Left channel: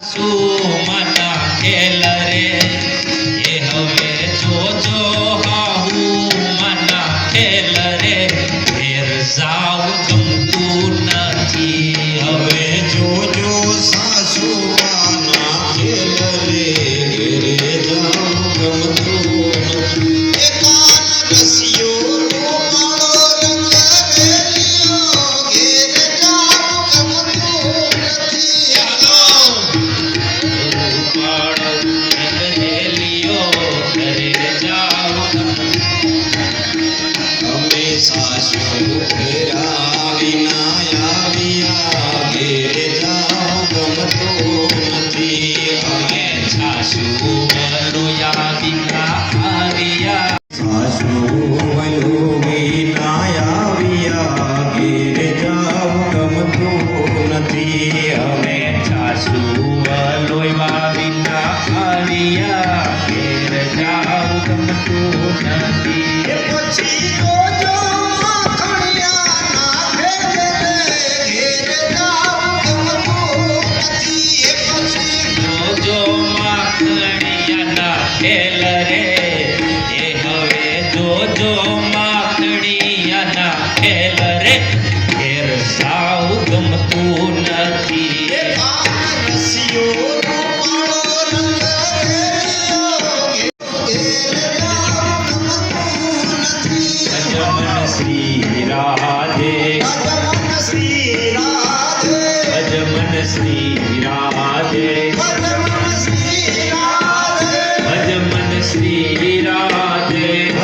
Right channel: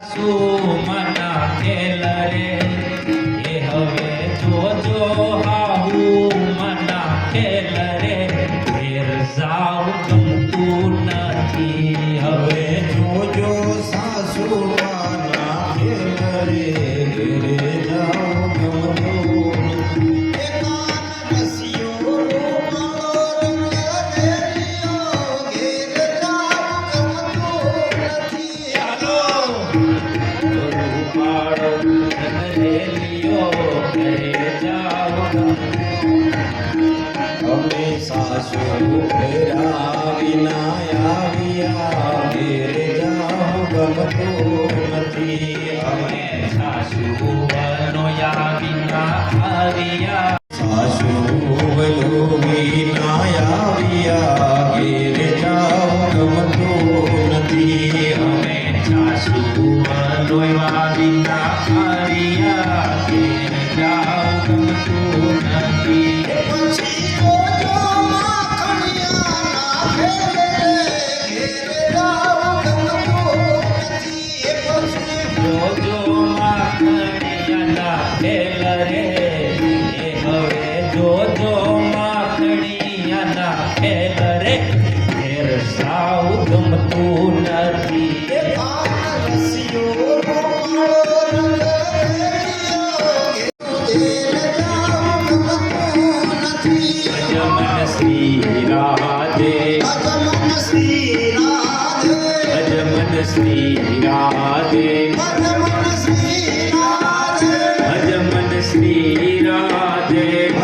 સુમના ખેલ રે એ હવે જોજો હાહુ. મના ખેલ રે ફેર જાવ ગમતું નથી. हमेशा सुख राविना आविया गिर जाओ गम तो नथी हमेशा सुख नो याविना आविया हमें छासू लोई बिना हरिया ગમતું નથી પછી જોજો માખણિયાના ખેલ રે એ હવે જોજો માખણિયાના ખેલ રે ઘેર સાવ ગમતું નથી. એ રૂપાળો શ્રી રાધે. અજમન શ્રી રાધે, રાધે શ્રી રાધે.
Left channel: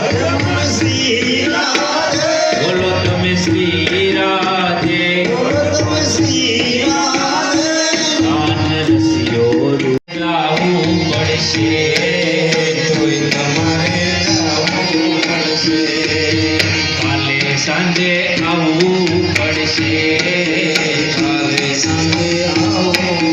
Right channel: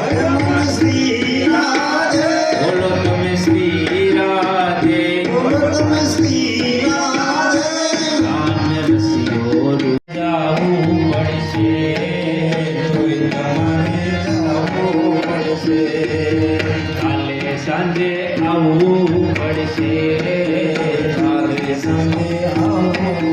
બોલો તમે શ્રી રાધે. संगे आवो पड़से मारे संगे आवो